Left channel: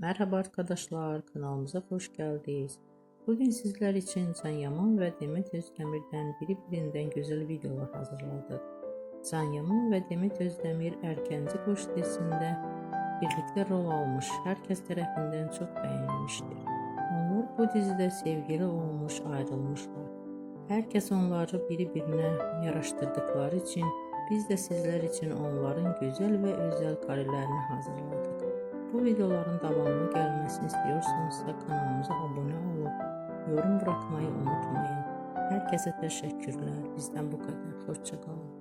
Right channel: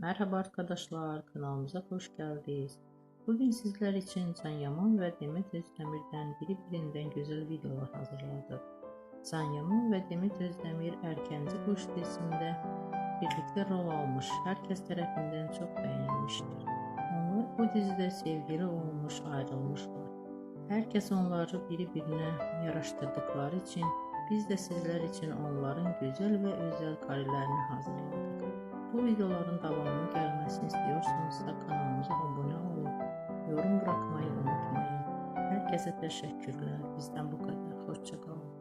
Merhaba arkadaşlar, kanalımıza hoş geldiniz. Bugün sizler için Can Yaman ve Demet Özdemir'den birbirinden güzel videolar hazırladık. Can Yaman ve Demet Özdemir Erkenci Koç dizisinde birlikte rol almış, herkes tarafından çok beğenilmiştir. Onlar bu dizide sevgili olmuş, ayrılmışlar. Herkes onları birbirine yaraştırdıkları için biz de sizler için onların güzel ve özel karelerini hazırladık. Bu videoların devamlı gelmesini istiyorsanız da kanalımıza abone olup yorum bırakmayı unutmayın. Herkese teşekkürler. Bizden bu kadar. Hoşça kalın.